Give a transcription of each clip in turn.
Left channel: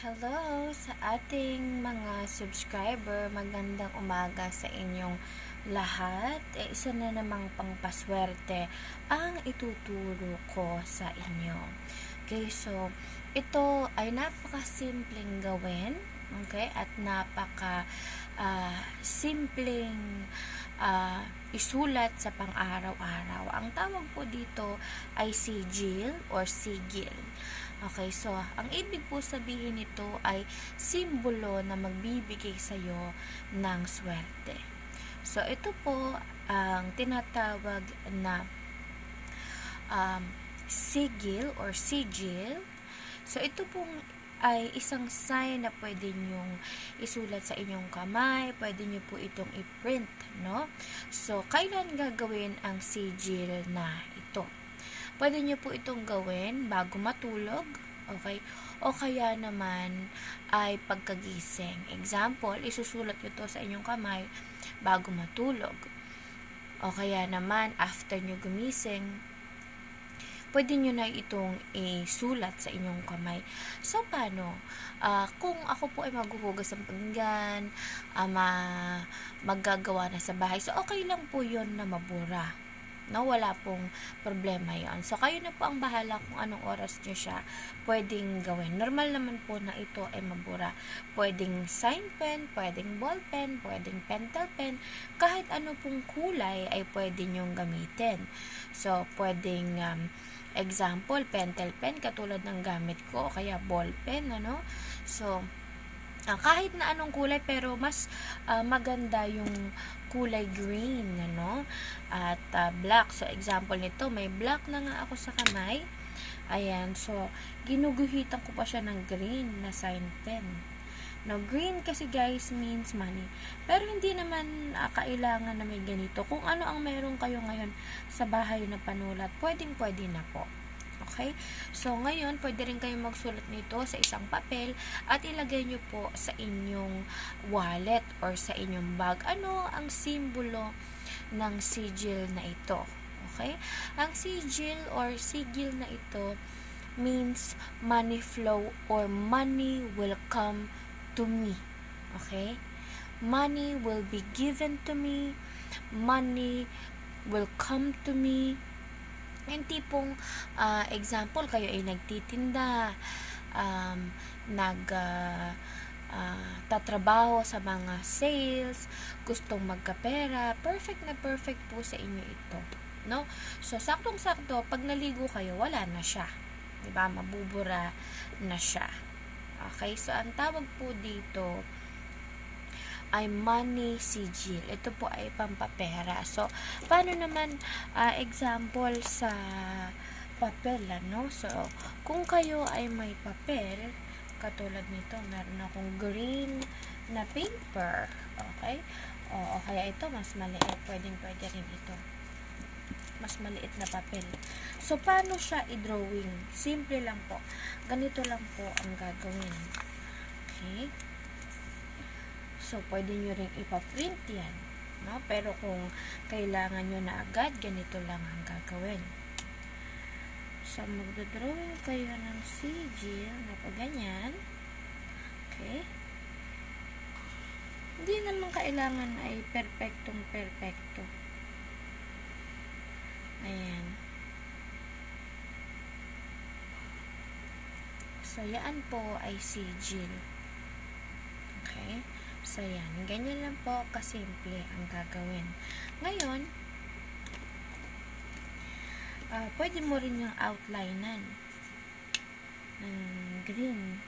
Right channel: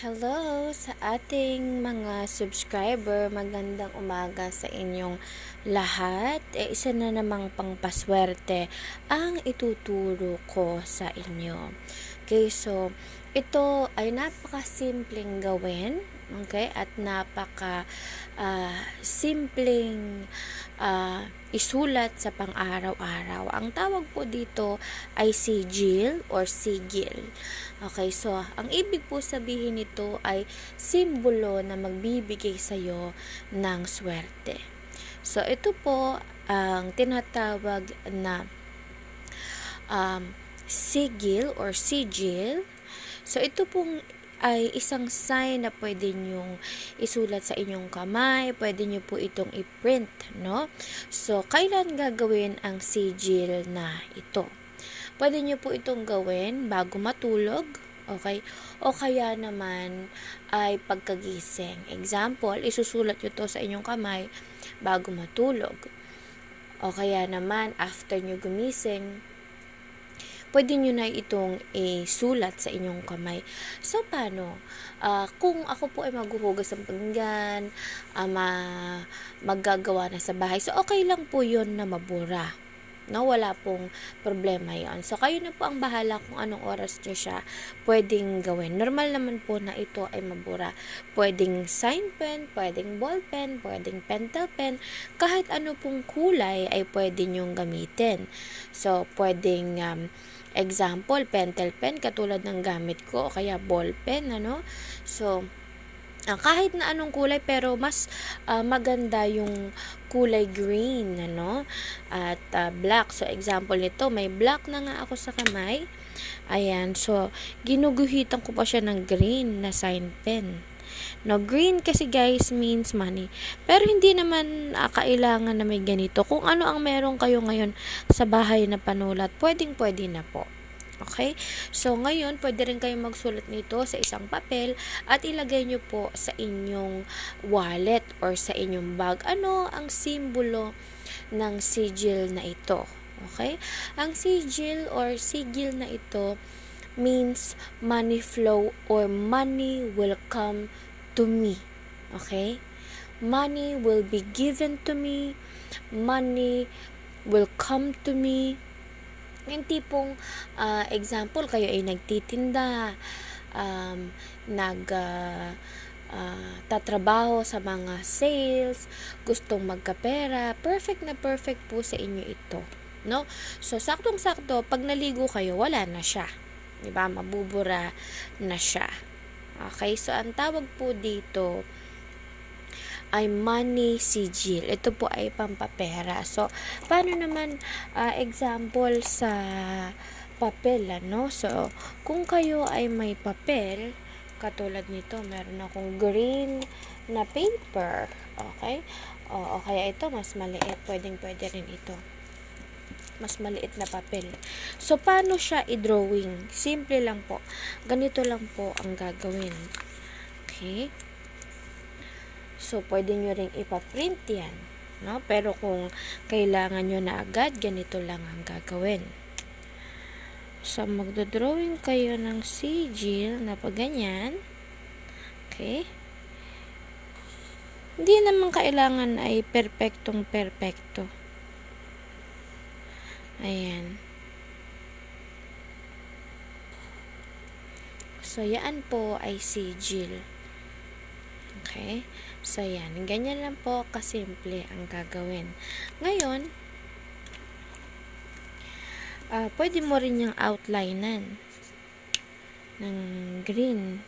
Hello sa ating mga subscriber. Magandang umaga sa inyong lahat. E, isa na namang pangpaswerte ang ituturo ko sa inyo. Okay, so ito ay napaka-simpleng gawin. Okay, at napaka ah, simpleng ah, isulat sa pang-araw-araw. Ang tawag po dito ay sigil or sigil. Okay, so ang ibig po sabihin nito ay simbolo na magbibigay sa iyo ng swerte. So ito po ang tinatawag na um, sigil or sigil. So ito pong ay isang sign na pwede nyong isulat sa inyong kamay, pwede nyo po itong i-print, no? So, kailan gagawin ang sigil na ito? Pwede nyo po itong gawin bago matulog, okay? O kaya naman ay pagkagising. Example, isusulat nyo to sa inyong kamay bago matulog. O kaya naman, after nyo gumising, pwede nyo na itong isulat sa inyong kamay. So, paano? Ah, kung ako po ay maghuhugas ng pinggan, ama maggagawa na sa bahay, so okay lang po yon na mabura. No, wala pong problema yon. So, kayo na po ang bahala kung anong oras nyo siya pwedeng gawin. Normal naman po na ito ay mabura. Pwedeng sign pen, pwedeng ball pen, pwedeng pentel pen, kahit ano pong kulay ay pwede nyong gamitin. So, pwedeng um, example, pentel pen, katulad ng gamit ko, o kaya ball pen, ano? So, ah, kahit na anong kulay, pero mas ah, maganda yung kulay green, ano? At ah, black. So, example nito, may black na nga ako sa kamay. Ayan, so, ginuguhitan ko pa siya ng green na sign pen. No, green kasi guys means money. Pero hindi naman ah, kailangan na may ganito. Kung ano ang meron kayo ngayon sa bahay na panulat, pwedeng pwede na po. Okay? So, ngayon, pwede rin kayong magsulat nito sa isang papel at ilagay nyo po sa inyong wallet or sa inyong bag. Ano ang simbolo ng sigil na ito? Okay? Ang sigil or sigil na ito means money flow or money will come to me. Okay? Money will be given to me. Money will come to me. Yung tipong ah, example, kayo ay nagtitinda, um, nag ah, ah, tatrabaho sa mga sales, gustong magkapera, perfect na perfect po sa inyo ito. No? So, saktong-sakto, pag naligo kayo, wala na siya. 'Di ba Mabubura na siya. Okay? So, ang tawag po dito ay money sigil. Ito po ay pampapera. So, paano naman ah, example sa papel, ano? So, kung kayo ay may papel, katulad nito, meron akong green na paper. Okay? O, o kaya ito, mas maliit. Pwedeng pwede rin ito. Mas maliit na papel. So, paano siya i-drawing? Simple lang po. Ganito lang po ang gagawin. Okay? So, pwede nyo ring ipaprint yan. No? Pero kung kailangan nyo na agad, ganito lang ang gagawin. So, magdodrawing kayo ng sigil na pa ganyan. Okay? Hindi naman kailangan ay perpektong perpekto. Ayan. So, yan po ay sigil. Okay? So, yan. Ganyan lang po kasimple ang gagawin. Ngayon, ah pwede mo rin yung outlinean ng green.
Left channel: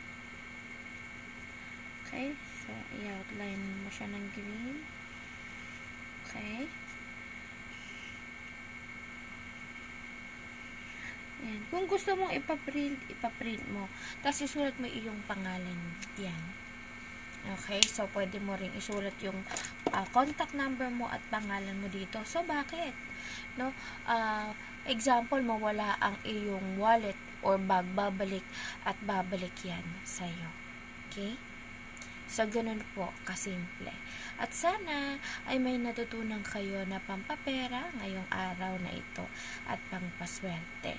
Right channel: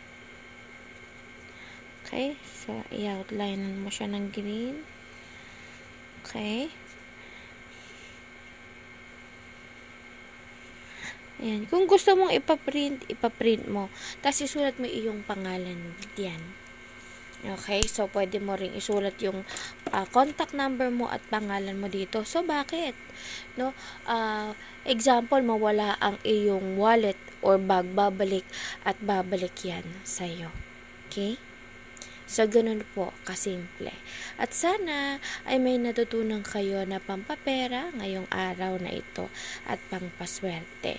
Okay? So, i-outlinean mo siya ng green. Okay? Ayan. Kung gusto mong ipaprint, ipaprint mo. Tapos isulat mo iyong pangalan diyan. Okay? So, pwede mo ring isulat yung ah, contact number mo at pangalan mo dito. So, bakit? No? Ah, example, mawala ang iyong wallet or bag, babalik at babalik yan sa'yo. Okay? So, ganun po, kasimple. At sana ay may natutunan kayo na pampapera ngayong araw na ito at pangpaswerte.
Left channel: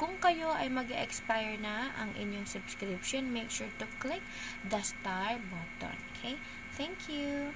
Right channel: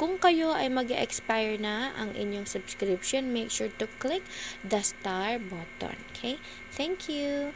kung kayo ay mag expire na ang inyong subscription, make sure to click the star button. Okay? Thank you!